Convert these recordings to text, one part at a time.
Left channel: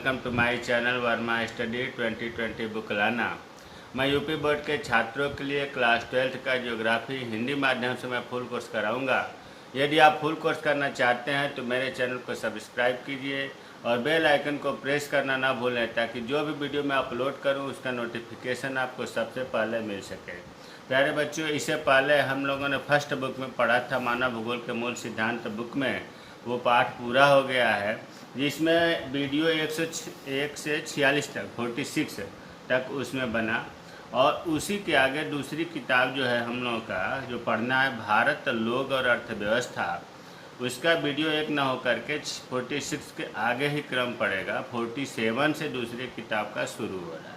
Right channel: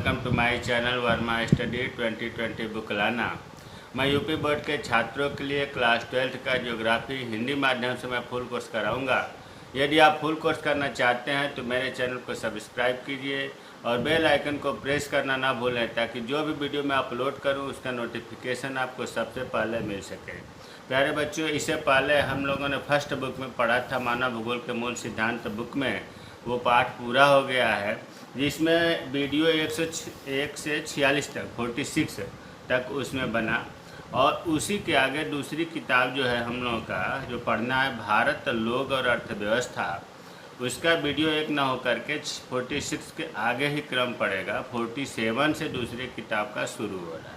Welcome to my channel Verma study 2020 बुकलाना। मैं UP board के छात्रों के लिए क्लास 12th का ज्योग्राफी हिंदी माध्यम से मैं फुल कोर्स कराऊंगा। यदि आप फुल कोर्स करना चाहते हैं तो मेरे चैनल को सब्सक्राइब कीजिए और बेल आइकन को प्रेस करना ना भूलें ताकि जो भी वीडियो मैं अपलोड करूं उसका नोटिफिकेशन आपको सबसे पहले मिल सके। प्यारे बच्चों, इससे पहले हम लोगों ने फर्स्ट बुक में पढ़ा था मानव भूगोल के मूल सिद्धांत बुक में, वो पाठ पूरा हो गया है जिसमें वीडियो 101 से 46 तक 46 तक उसमें बना। और उसी के आगे दूसरी किताब जो है हम लोगों का जो पढ़ना है भारत लोग और अर्थव्यवस्था, उसका वीडियो एक ना हो करके 46 के आगे ही क्रम पड़ेगा। 47 से दूसरी किताब का शुरू हो रहा है।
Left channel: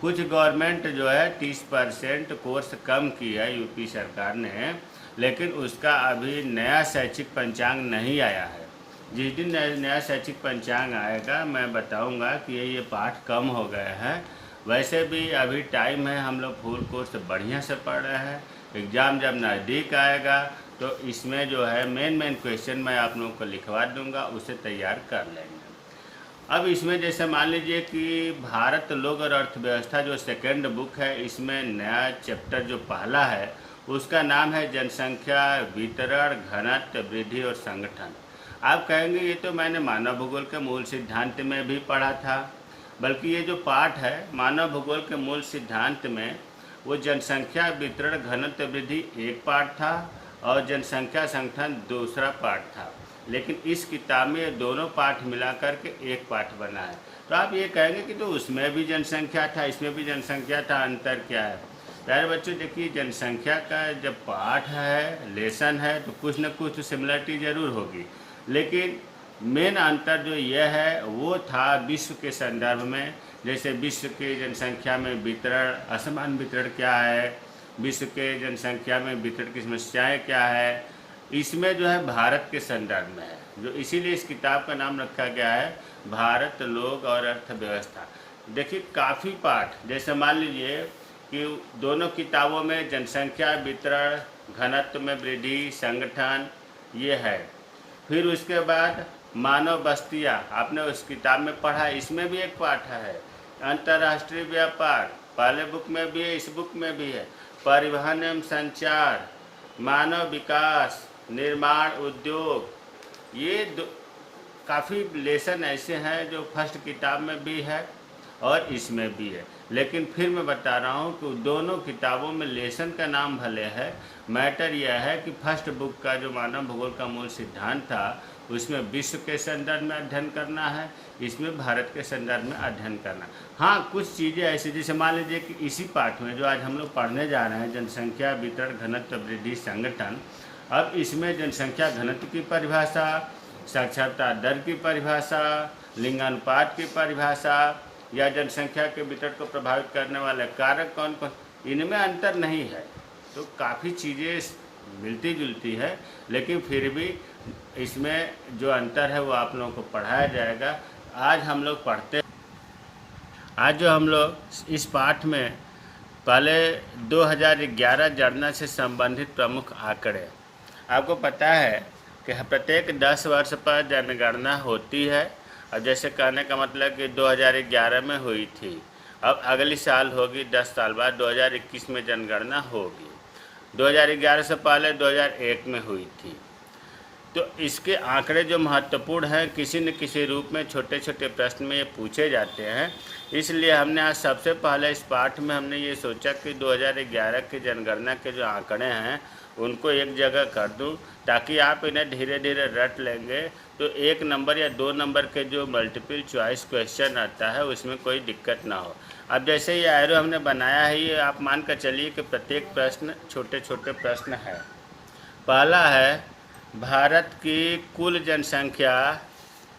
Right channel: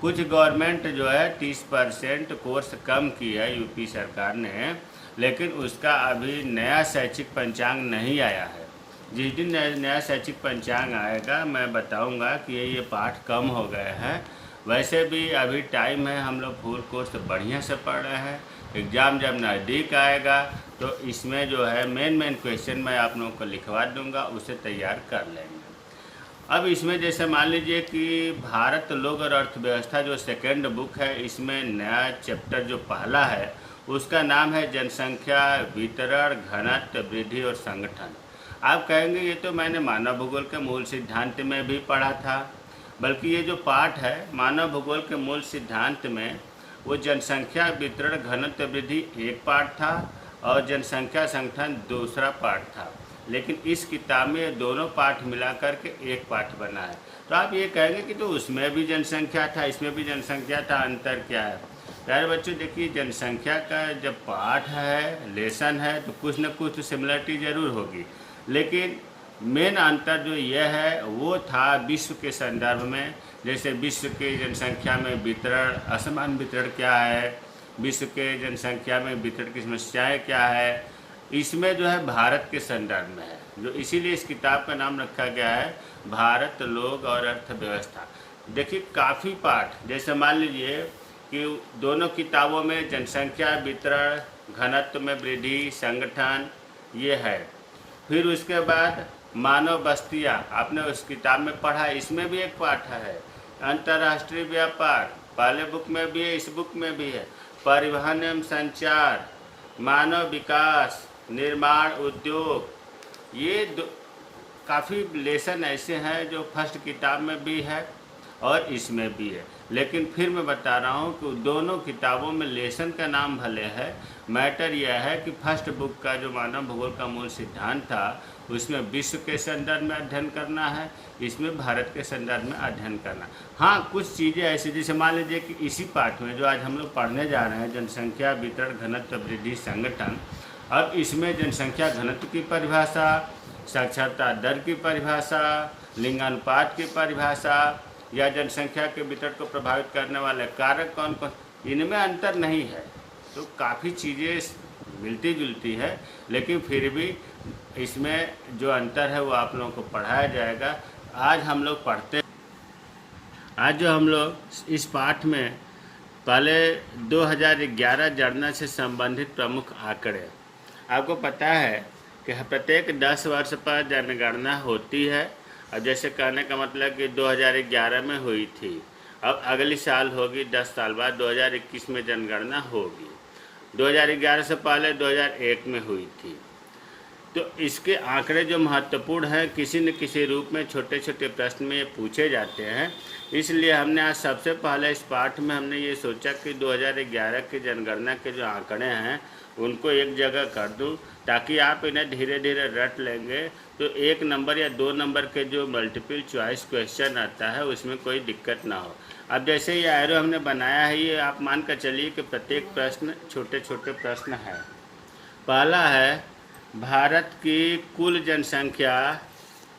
कुछ गवर्नमेंट जो है 30% कोर्स कम किया है यूपी सरकार ने, लेकिन उसका अभी नया शैक्षिक पंचांग नहीं आया है। जिस दिन नया शैक्षिक पंचांग आएगा मैं बताऊंगा कि ये पाठ कम हो गए हैं। वैसे भी अभी टाइम है, हम लोग फुल कोर्स बढ़िया से पढ़ रहे हैं। एग्ज़ाम जब नज़दीक आएगा तो इसमें जो है मेन क्वेश्चन मैं आप लोगों को लिखवा दूंगा, उसे तैयार कर लेंगे। अब इसमें जैसे मान लीजिए कि भारत लोग और अर्थव्यवस्था जो सेकंड बुक है, इसमें नया चैप्टर जो पहला है उसका नाम है जनसंख्या, वितरण, घनत्व, वृद्धि और संगठन। आप कहेंगे ये तो मैंने मानव भूगोल के मूल सिद्धांत में भी पढ़ा था, बल्कि ये जो पाठ है मानव भूगोल के मूल सिद्धांत में वो जनसंख्या, वितरण, घनत्व, वृद्धि एक पाठ था और जनसंख्या संगठन दूसरा पाठ था। लेकिन इस किताब में ये दोनों पाठ मिला करके एक पाठ बना है। तो आप ये कहेंगे कि तो उसमें भी जनसंख्या था, इसमें भी जनसंख्या था, अंतर क्या है? प्यारे बच्चों, देखिए जनसंख्या का जब पाठ है, लेसन है, तो कुछ न कुछ तो सिमिलरिटी ज़रूर होगी, लेकिन मेन अंतर जो यह है वो था विश्व के संदर्भ में। जैसे विश्व की जनसंख्या में वितरण, असमान वितरण क्या है, विश्व के जनसंख्या में वितरण की समस्याएँ क्या है, इसमें जो है भारत के संदर्भ में है, जो इसीलिए इस किताब का नाम रखा गया है भारत लोग और अर्थव्यवस्था। देखिए काफ़ी पाठ, जैसे मान लीजिए कि दोनों किताबों में जनसंख्या, वितरण, घनत्व में वृद्धि, संगठन ये है। फिर उसके बाद मानव बस्तियाँ आपने उस किताब में पढ़ा, इसमें भी एक पाठ है। अंतर्राष्ट्रीय व्यापार पहले बुक में भी है, इस बुक में भी है। परिवहन एवं संचार, मानव विकास, निर्माण, उद्योग, ये काफ़ी लेसन ऐसे हैं जो फर्स्ट किताब में भी है और इसमें भी है। लेकिन फिर मैं बता रहा हूँ कि दोनों किताबों में लेसन का नाम भले है, मैटर यह है कि फर्स्ट बुक का जो मानव भूगोल का मूल सिद्धांत था उसमें विश्व के संदर्भ में अध्ययन करना है, इसमें भारत के संदर्भ में अध्ययन करना। हाँ, कुछ चीज़ें ऐसी, जैसे मान लीजिए कि इसी पाठ में जो आज हम लोग पढ़ने जा रहे हैं जनसंख्या, वितरण, घनत्व, वृद्धि, संगठन, अब इसमें जनसंख्या घनत्व की परिभाषा, साक्षरता दर की परिभाषा, लिंगानुपात की परिभाषा या जनसंख्या के वितरण को प्रभावित करने वाले कारक कौन कौन, इनमें अंतर नहीं है। तो काफ़ी चीज़ें मिलती जुलती है, लेकिन फिर भी इसमें जो अंतर है वो आप लोगों को पढ़ाया जाएगा। आज हम लोग पढ़ते, आज जो हम लोग इस पाठ में पहले 2011 जनगणना से संबंधित प्रमुख आंकड़े, आपको पता है कि प्रत्येक 10 वर्ष पर जनगणना होती है। अब जैसे कहने का मतलब कि 2011 में हुई थी, अब अगली साल होगी, 10 साल बाद 2021 में जनगणना होगी। 2011 से पहले 2001 में हुई थी। तो इसके आंकड़े जो महत्वपूर्ण हैं, किसी न किसी रूप में छोटे छोटे प्रश्न में ये पूछे जाते हैं। इसलिए हमने आज सबसे पहले इस पाठ में हमने ये सोचा कि 2011 की जनगणना के जो आंकड़े हैं उनको एक जगह कर दूं, ताकि आप इन्हें धीरे धीरे रट लेंगे तो 1 नंबर या 2 नंबर के जो मल्टीपल चॉइस क्वेश्चन आता है उसमें कोई दिक्कत ना हो। अब जैसे ये एरो हमने बनाया है, ये आप मान कर चलिए कि प्रत्येक प्रश्न छोटे छोटे प्रश्न है। पहला है भारत की कुल जनसंख्या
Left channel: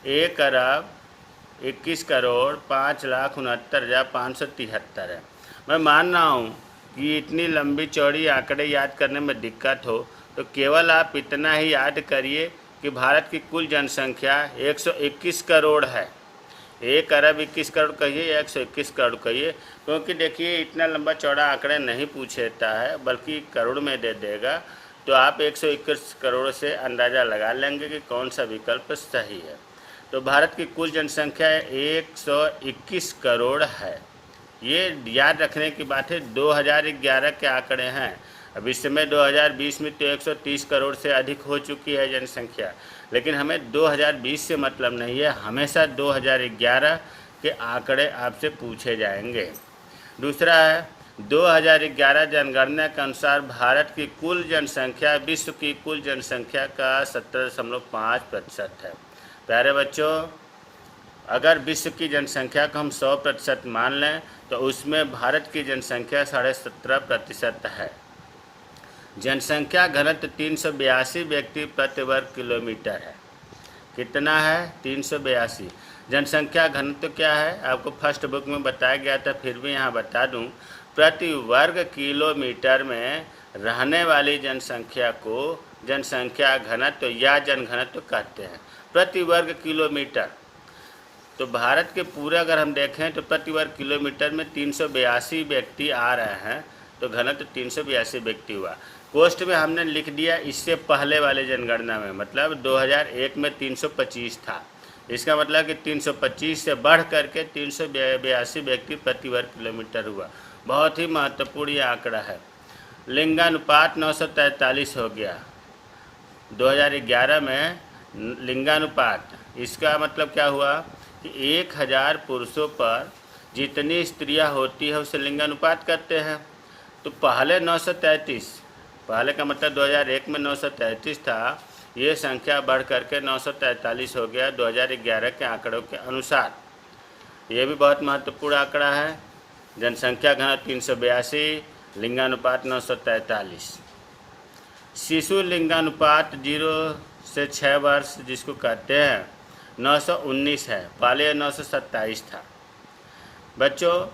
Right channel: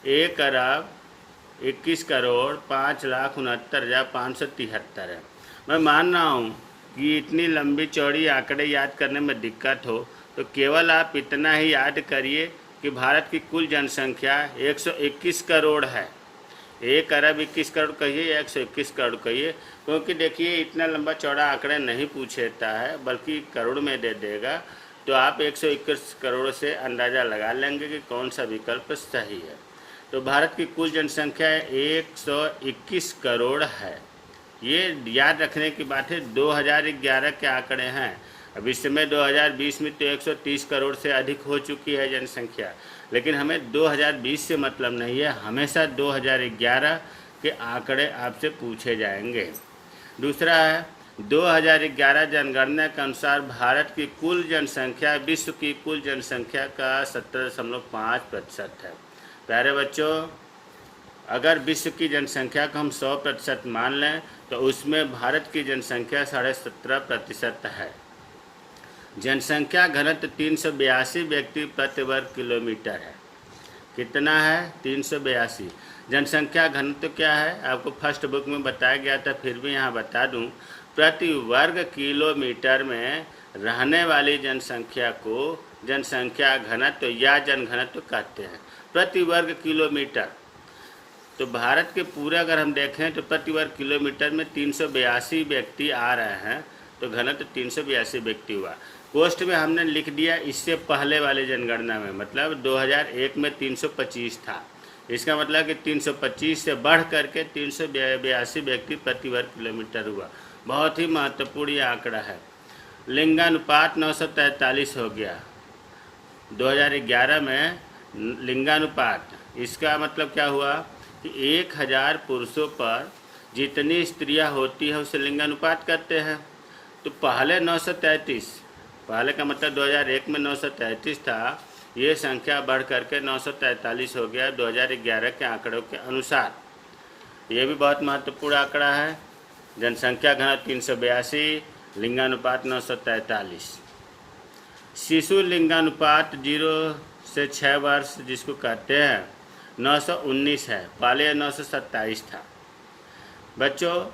1,21,05,69,573 है। मैं मान रहा हूँ कि इतनी लंबी चौड़ी आंकड़े याद करने में दिक्कत हो तो केवल आप इतना ही याद करिए कि भारत की कुल जनसंख्या 121 करोड़ है। 1,21,00,000 कहिए, 121 करोड़ कहिए, क्योंकि देखिए इतना लंबा चौड़ा आंकड़ा नहीं पूछता है बल्कि करोड़ में दे देगा। तो आप 121 करोड़ से अंदाज़ा लगा लेंगे कि कौन सा विकल्प सही है। तो भारत की कुल जनसंख्या 121 करोड़ है। ये याद रखने की बात है, 2011 के आंकड़े हैं। अब इस समय 2020 में तो 130 करोड़ से अधिक हो चुकी है जनसंख्या, लेकिन हमें 2020 से मतलब नहीं है, हमेशा 2011 के आंकड़े आपसे पूछे जाएंगे। दूसरा है 2011 जनगणना के अनुसार भारत की कुल जनसंख्या विश्व की कुल जनसंख्या का 17.5% है। प्यारे बच्चों, अगर विश्व की जनसंख्या को हम 100% मान लें तो उसमें भारत की जनसंख्या 17.5% है। जनसंख्या घनत्व 382 व्यक्ति प्रति वर्ग किलोमीटर है। कितना है? 382। जनसंख्या घनत्व क्या है? आपको फर्स्ट बुक में बताया गया था, फिर भी यहाँ बता दूँ। प्रति वर्ग किलोमीटर में रहने वाली जनसंख्या को जनसंख्या घनत्व या जनघनत्व कहते हैं। प्रति वर्ग किलोमीटर, तो भारत के पूरा अगर हम देखें तो प्रति वर्ग किलोमीटर में 382 व्यक्ति आ रहे हैं, तो घनत्व 382 व्यक्ति हुआ। कोष्ठ में हमने लिख दिया इससे पहले वाली जनगणना में, मतलब 2001 में 325 था। इसका मतलब कि 325 से बढ़ करके 382 व्यक्ति प्रति वर्ग किलोमीटर हुआ। बहुत ही महत्वपूर्ण ये आंकड़ा है। लिंगानुपात 943 हो गया 2011 में। लिंगानुपात, इसका मतलब क्या हुआ कि 1000 पुरुषों पर जितनी स्त्रियां होती है उसे लिंगानुपात कहते हैं। तो पहले 933, पहले का मतलब 2001 में 933 था, ये संख्या बढ़ करके 943 हो गया 2011 के आंकड़ों के अनुसार। ये भी बहुत महत्वपूर्ण आंकड़ा है। जनसंख्या घनत्व 382, लिंगानुपात 943। शिशु लिंगानुपात 0 से 6 वर्ष जिसको कहते हैं 919 है, पहले 927 था। बच्चों,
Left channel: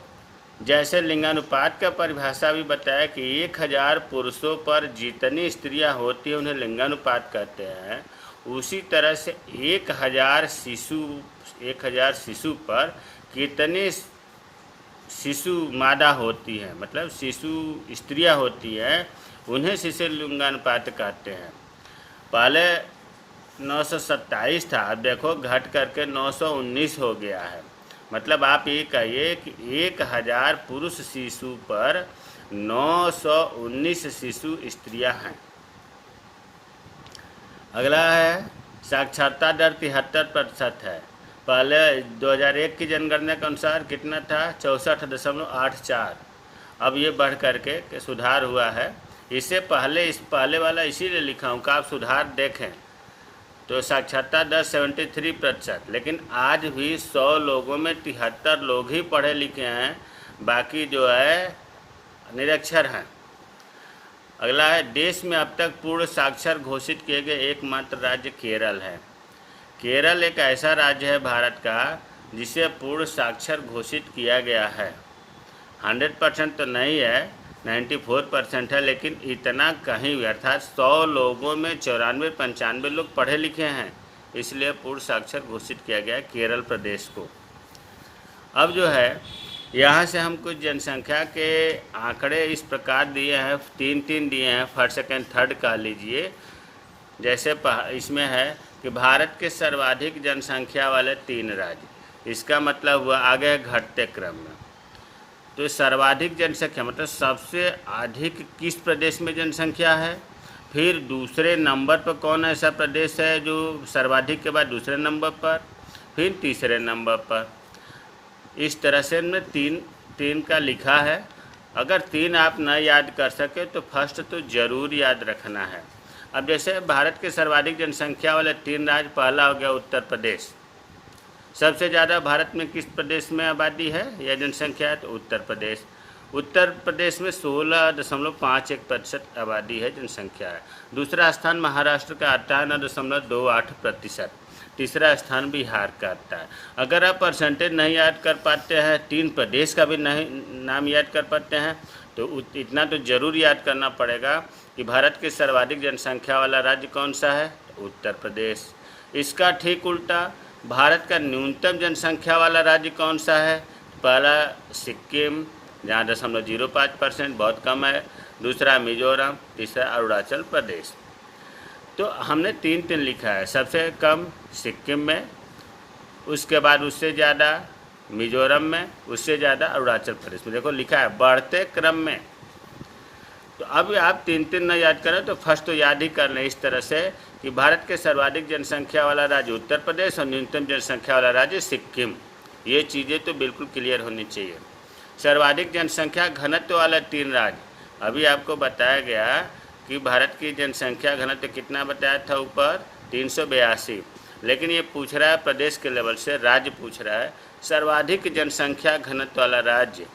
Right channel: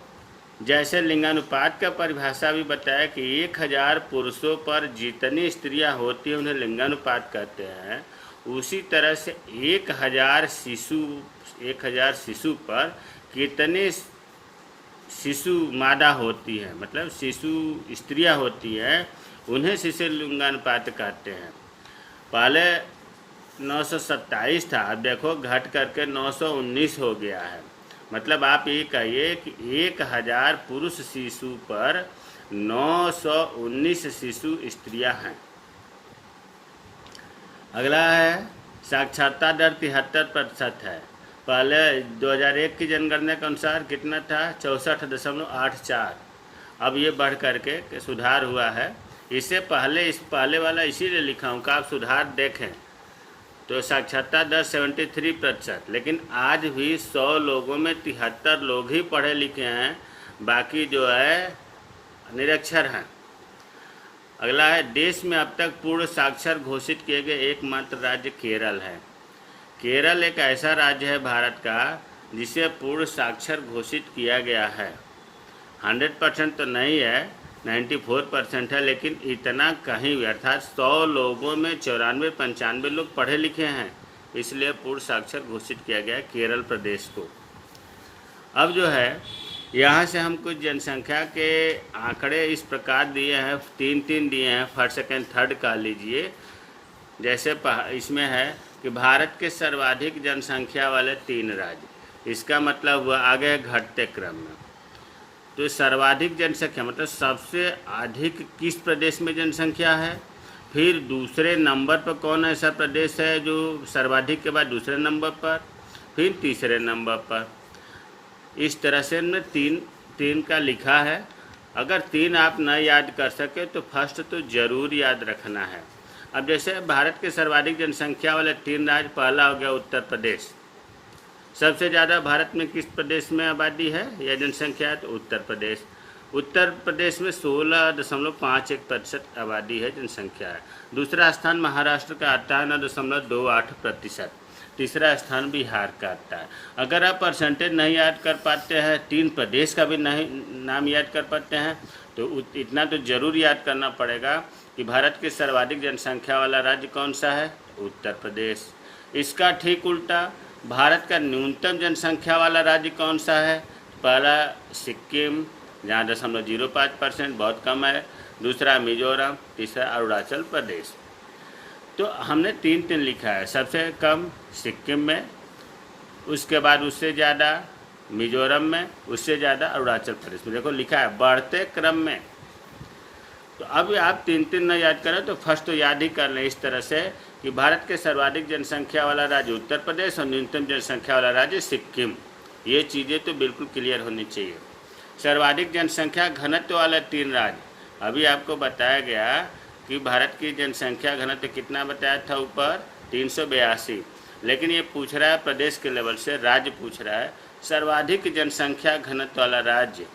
जैसे लिंगानुपात का परिभाषा भी बताया कि 1000 पुरुषों पर जितनी स्त्रियां होती हैं उन्हें लिंगानुपात कहते हैं, उसी तरह से 1000 शिशु पर कितने शिशु मादा होती है, मतलब शिशु स्त्रियां होती हैं, उन्हें शिशु लिंगानुपात कहते हैं। पहले 927 था, अब देखो घट करके 919 हो गया है। मतलब आप ये कहिए कि 1000 पुरुष शिशु पर 919 शिशु स्त्रियां हैं। अगला है साक्षरता दर 73% है। पहले 2001 की जनगणना के अनुसार कितना था? 64.84। अब ये बढ़ करके सुधार हुआ है। इससे पहले इस पहले वाला इसीलिए लिखा हूँ कि आप सुधार देखें। तो साक्षरता दर 73%, लेकिन आज भी 100 लोगों में 73 लोग ही पढ़े लिखे हैं, बाकी जो है निरक्षर हैं। अगला है देश में अब तक पूर्ण साक्षर घोषित किए गए एकमात्र राज्य केरल है। केरल एक ऐसा राज्य है भारत का जिसे पूर्ण साक्षर घोषित किया गया है। 100% तो नहीं है, 94% है, लेकिन इतना कहीं अर्थात 100 लोगों में 94-95 लोग पढ़े लिखे हैं, इसलिए पूर्ण साक्षर घोषित किया गया है केरल प्रदेश को। अब जो है यहाँ से हम कुछ जनसंख्या के आंकड़े इस प्रकार दिए हैं, तीन दिए हैं, फर्स्ट सेकेंड थर्ड कह लीजिए। जैसे इसमें है कि भारत के सर्वाधिक जनसंख्या वाले 3 राज्य, इसका मतलब हुआ आगे घटते क्रम में। तो सर्वाधिक जनसंख्या मतलब सबसे अधिक किस प्रदेश में जनसंख्या है, फिर दूसरे नंबर पर कौन ऐसा प्रदेश है जो सर्वाधिक के बाद दूसरे नंबर पर, फिर तीसरे नंबर पर। इस तरह से हमने तीन का लिखा है। अगर 3 आप न याद कर सके तो फर्स्ट तो ज़रूर याद रखना है। अब जैसे भारत के सर्वाधिक जनसंख्या वाले 3 राज्य, पहला हो गया उत्तर प्रदेश। सबसे ज़्यादा भारत में किस प्रदेश में आबादी है या जनसंख्या है? तो उत्तर प्रदेश। उत्तर प्रदेश में 16.51% आबादी है, जनसंख्या है। दूसरा स्थान महाराष्ट्र का आता है 9.28%। तीसरा स्थान बिहार का आता है। अगर आप परसेंटेज नहीं याद कर पाते हैं, 3 प्रदेश का भी नहीं नाम याद कर पाते हैं, तो इतना तो ज़रूर याद करना पड़ेगा कि भारत की सर्वाधिक जनसंख्या वाला राज्य कौन सा है? तो उत्तर प्रदेश। इसका ठीक उल्टा भारत का न्यूनतम जनसंख्या वाला राज्य कौन सा है? पहला सिक्किम जहाँ 0.05%, बहुत कम है। दूसरा मिजोरम, तीसरा अरुणाचल प्रदेश। तो हमने 3 लिखा है। सबसे कम सिक्किम में, उसके बाद उससे ज़्यादा मिजोरम में, उससे ज़्यादा अरुणाचल प्रदेश में। देखो लिखा है बढ़ते क्रम में। तो अब आप तीन तीन न याद करें तो फर्स्ट तो याद ही कर लें इस तरह से कि भारत के सर्वाधिक जनसंख्या वाला राज्य उत्तर प्रदेश और न्यूनतम जनसंख्या वाला राज्य सिक्किम। ये चीज़ें तो बिल्कुल क्लियर होनी चाहिए। सर्वाधिक जनसंख्या घनत्व वाला तीन राज्य, अभी आपको बताया गया कि भारत की जनसंख्या घनत्व कितना बताया था ऊपर, 382। लेकिन ये पूछ रहा है प्रदेश के लेवल से, राज्य पूछ रहा है सर्वाधिक जनसंख्या घनत्व वाला राज्य।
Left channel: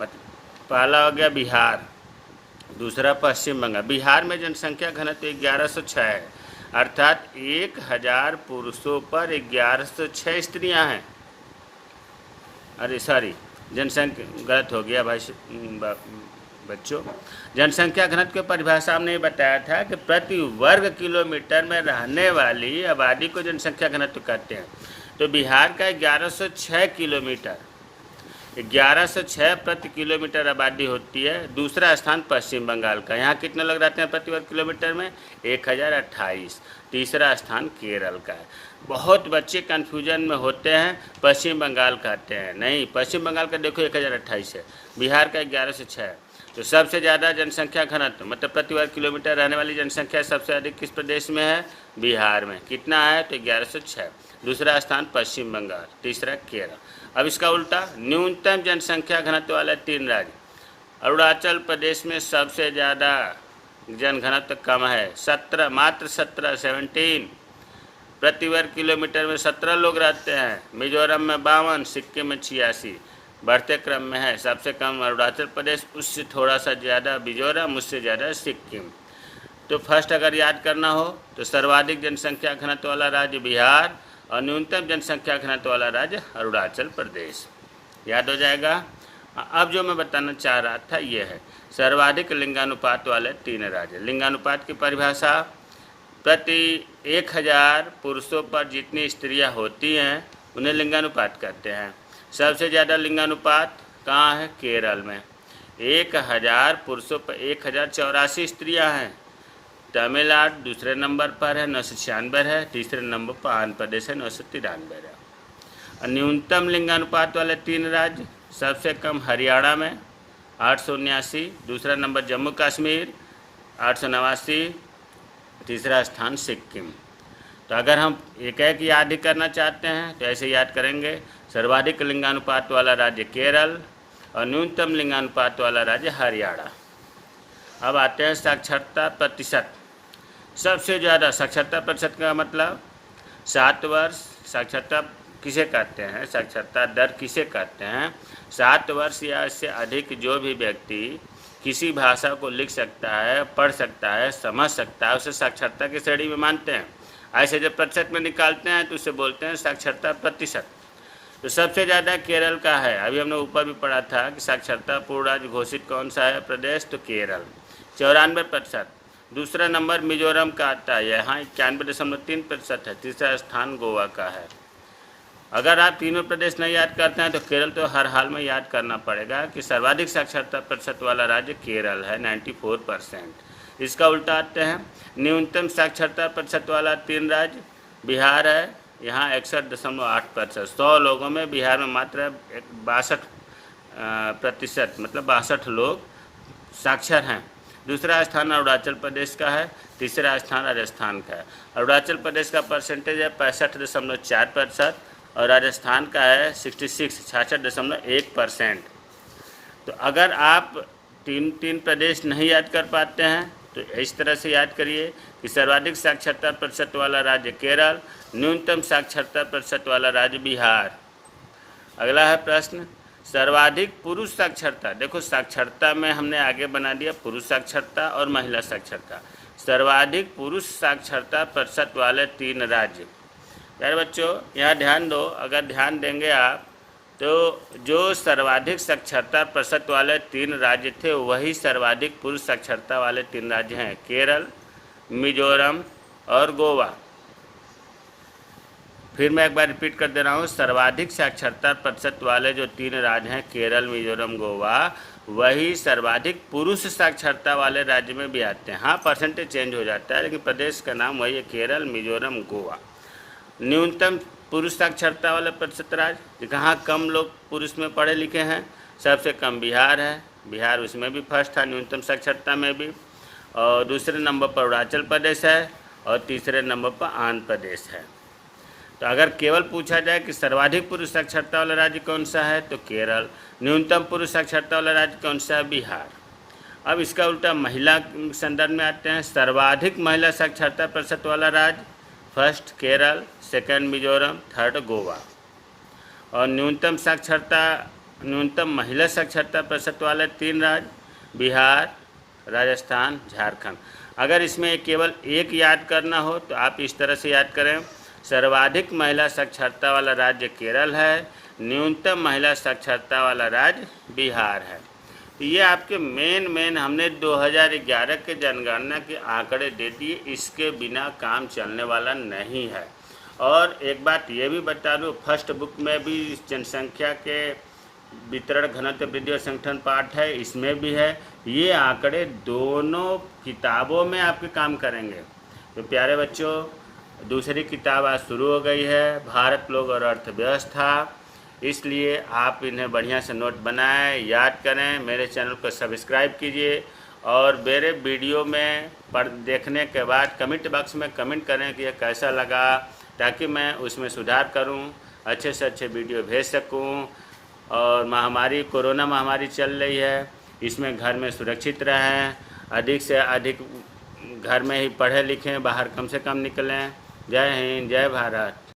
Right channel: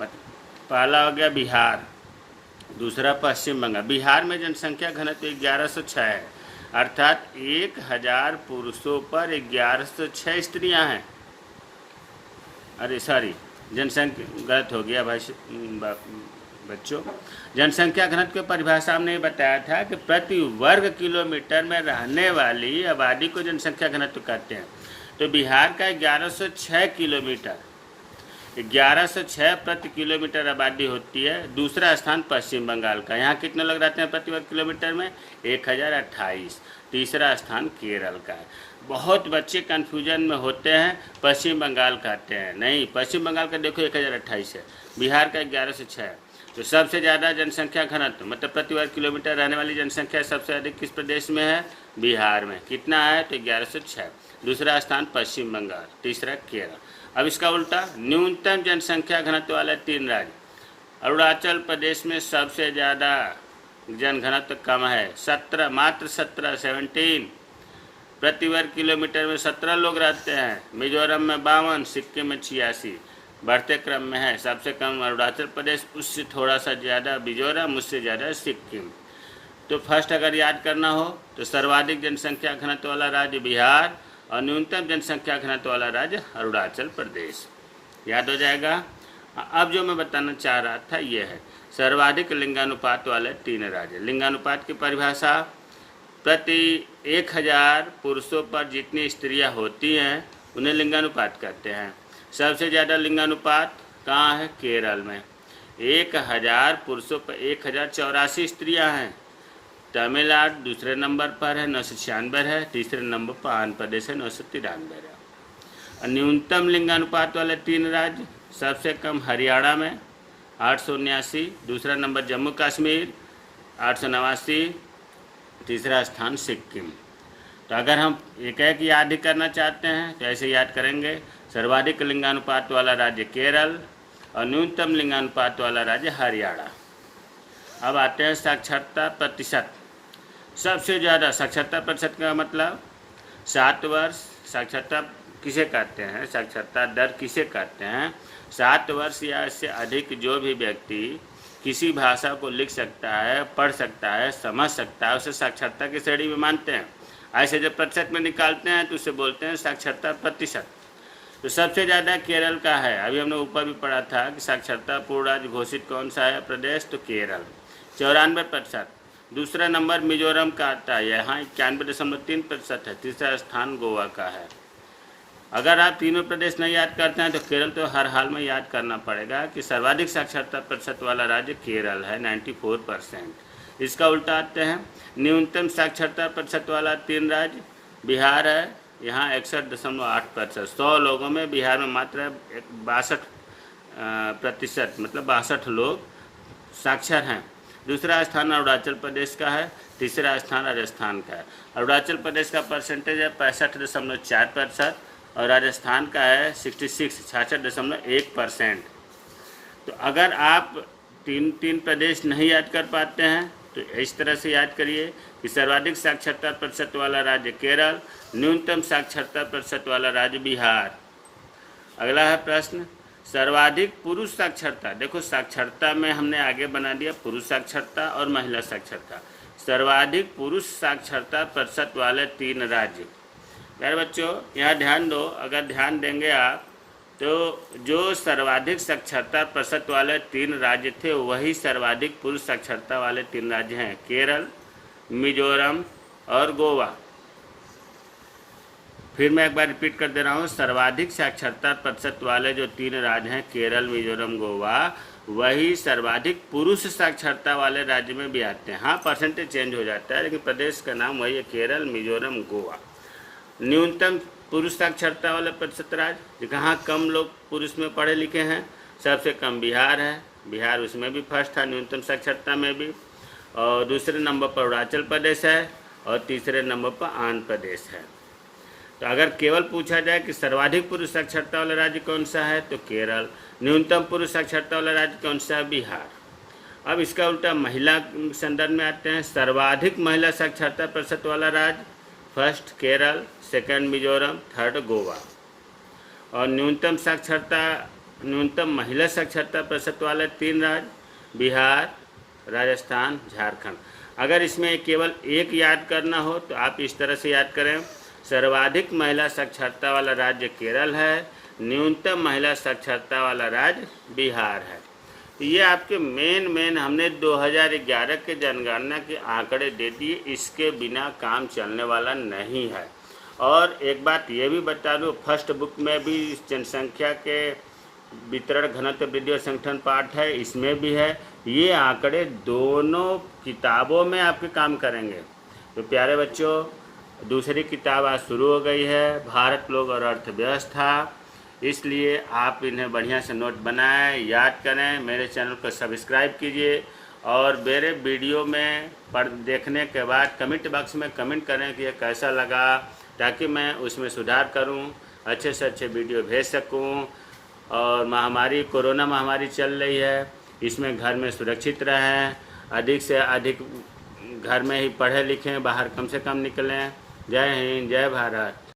पहला हो गया बिहार, दूसरा पश्चिम बंगाल। बिहार में जनसंख्या घनत्व 1106 है, अर्थात 1000 पुरुषों पर 1106 स्त्रियां हैं। अरे सॉरी, जनसंख्या गलत हो गया भाई बच्चों। जनसंख्या घनत्व की परिभाषा हमने बताया था कि प्रति वर्ग किलोमीटर में रहने वाली आबादी को जनसंख्या घनत्व कहते हैं। तो बिहार का 1106 किलोमीटर, 1106 प्रति किलोमीटर आबादी होती है। दूसरा स्थान पश्चिम बंगाल का, यहाँ कितने लोग रहते हैं प्रति वर्ग किलोमीटर में, 1028। तीसरा स्थान केरल का। बहुत बच्चे कन्फ्यूजन में होते हैं, पश्चिम बंगाल कहते हैं, नहीं पश्चिम बंगाल का देखो 1028 है, बिहार का 1106 है। तो सबसे ज़्यादा जनसंख्या घनत्व मतलब प्रति वर्ग किलोमीटर रहने वाली जनसंख्या सबसे अधिक किस प्रदेश में है, बिहार में। कितना है तो 1106। दूसरा स्थान पश्चिम बंगाल, तीसरा केरल। अब इसका उल्टा, न्यूनतम जनसंख्या घनत्व वाला तीन राज्य, अरुणाचल प्रदेश में सबसे ज़्यादा जनघनत्व कम है, 17, मात्र 17 प्रति वर्ग किलोमीटर में 17 लोग रहते हैं। मिजोरम में 52, सिक्किम में 86, बढ़ते क्रम में है। सबसे कम अरुणाचल प्रदेश, उससे थोड़ा सा ज़्यादा मिजोरम, उससे ज़्यादा सिक्किम। तो फर्स्ट अगर याद करना हो तो सर्वाधिक जनसंख्या घनत्व वाला राज्य बिहार और न्यूनतम जनसंख्या घनत्व वाला राज्य अरुणाचल प्रदेश, याद हो जाएगा। अब जो मैं बताना चाह रहा था ये है सर्वाधिक लिंगानुपात वाले तीन राज्य। लिंगानुपात की परिभाषा, प्रति 1000 पुरुषों पर जितनी स्त्रियां होती हैं उन्हें लिंगानुपात कहते हैं। सबसे ज़्यादा लिंगानुपात कहाँ है, केरल में, 1000 पुरुषों पर 1084 स्त्रियां हैं। तमिलनाडु दूसरे नंबर पर है, 996 है। तीसरे नंबर पर आंध्र प्रदेश है, 993 है। न्यूनतम लिंगानुपात वाले तीन राज्य, सबसे कम हरियाणा में 879, दूसरा नंबर जम्मू कश्मीर 889, तीसरा स्थान सिक्किम। तो अगर हम एक एक याद ही करना चाहते हैं तो ऐसे याद करेंगे, सर्वाधिक लिंगानुपात वाला राज्य केरल और न्यूनतम लिंगानुपात वाला राज्य हरियाणा। अब आते हैं साक्षरता प्रतिशत। सबसे ज़्यादा साक्षरता प्रतिशत का मतलब 7 वर्ष, साक्षरता किसे कहते हैं, साक्षरता दर किसे कहते हैं, 7 वर्ष या इससे अधिक जो भी व्यक्ति किसी भाषा को लिख सकता है, पढ़ सकता है, समझ सकता है, उसे साक्षरता की श्रेणी में मानते हैं। ऐसे जब प्रतिशत में निकालते हैं तो उसे बोलते हैं साक्षरता प्रतिशत। तो सबसे ज़्यादा केरल का है। अभी हमने ऊपर भी पढ़ा था कि साक्षरता पूर्ण राज्य घोषित कौन सा है प्रदेश, तो केरल 94%। दूसरा नंबर मिजोरम का आता है, यहाँ 91.3% है। तीसरा स्थान गोवा का है। अगर आप तीनों प्रदेश नहीं याद करते हैं तो केरल तो हर हाल में याद करना पड़ेगा कि सर्वाधिक साक्षरता प्रतिशत वाला राज्य केरल है, 94%। इसका उल्टा आते हैं, न्यूनतम साक्षरता प्रतिशत वाला तीन राज्य बिहार है, यहाँ 61.8%। 100 लोगों में बिहार में मात्र 62% मतलब 62 लोग साक्षर हैं। दूसरा स्थान अरुणाचल प्रदेश का है, तीसरा स्थान राजस्थान का है। अरुणाचल प्रदेश का परसेंटेज है 65.4% और राजस्थान का है 66.1%। तो अगर आप तीन प्रदेश नहीं याद कर पाते हैं तो इस तरह से याद करिए कि सर्वाधिक साक्षरता प्रतिशत वाला राज्य केरल, न्यूनतम साक्षरता प्रतिशत वाला राज्य बिहार। अगला है प्रश्न, सर्वाधिक पुरुष साक्षरता। देखो साक्षरता में हमने आगे बना दिया पुरुष साक्षरता और महिला साक्षरता। सर्वाधिक पुरुष साक्षरता प्रतिशत वाले तीन राज्य। यार बच्चों यहाँ ध्यान दो, अगर ध्यान देंगे आप तो जो सर्वाधिक साक्षरता प्रतिशत वाले तीन राज्य थे वही सर्वाधिक पुरुष साक्षरता वाले तीन राज्य हैं, केरल, मिजोरम और गोवा। फिर मैं एक बार रिपीट कर दे रहा हूँ, सर्वाधिक साक्षरता प्रतिशत वाले जो तीन राज्य हैं केरल, मिजोरम, गोवा, वही सर्वाधिक पुरुष साक्षरता वाले राज्य में भी आते हैं। हाँ परसेंटेज चेंज हो जाता है लेकिन प्रदेश का नाम वही है, केरल, मिजोरम, गोवा। न्यूनतम पुरुष साक्षरता वाला प्रतिशत राज्य, कहाँ कम लोग पुरुष में पढ़े लिखे हैं, सबसे कम बिहार है, बिहार उसमें भी फर्स्ट था न्यूनतम साक्षरता में भी, और दूसरे नंबर पर अरुणाचल प्रदेश है, और तीसरे नंबर पर आंध्र प्रदेश है। तो अगर केवल पूछा जाए कि सर्वाधिक पुरुष साक्षरता वाला राज्य कौन सा है, तो केरल। न्यूनतम पुरुष साक्षरता वाला राज्य कौन सा है, बिहार। अब इसका उल्टा महिला संदर्भ में आते हैं। सर्वाधिक महिला साक्षरता प्रतिशत वाला राज्य, first Kerala, second Mizoram, third Goa. और न्यूनतम महिला साक्षरता प्रतिशत वाले 3 राज्य, बिहार, राजस्थान, झारखंड। अगर इसमें केवल एक याद करना हो तो आप इस तरह से याद करें, सर्वाधिक महिला साक्षरता वाला राज्य केरल है, न्यूनतम महिला साक्षरता वाला राज्य बिहार है। तो ये आपके मेन हमने 2011 के जनगणना के आंकड़े दे दिए, इसके बिना काम चलने वाला नहीं है। और एक बात ये भी बता दूँ, फर्स्ट बुक में भी जनसंख्या के वितरण, घनत्व, वृद्धि और संगठन पाठ है, इसमें भी है। ये आंकड़े दोनों किताबों में आपके काम करेंगे। तो प्यारे बच्चों, दूसरी किताब आज शुरू हो गई है, भारत, लोग और अर्थव्यवस्था। इसलिए आप इन्हें बढ़िया से नोट बनाएं, याद करें, मेरे चैनल को सब्सक्राइब कीजिए, और मेरे वीडियो में देखने के बाद कमेंट बॉक्स में कमेंट करें कि यह कैसा लगा, ताकि मैं उसमें सुधार करूं, अच्छे से अच्छे वीडियो भेज सकूं। और कोरोना महामारी चल रही है, इसमें घर में सुरक्षित रहें, अधिक से अधिक घर में ही पढ़ें लिखें, बाहर कम से कम निकलें। जय हिंद, जय भारत।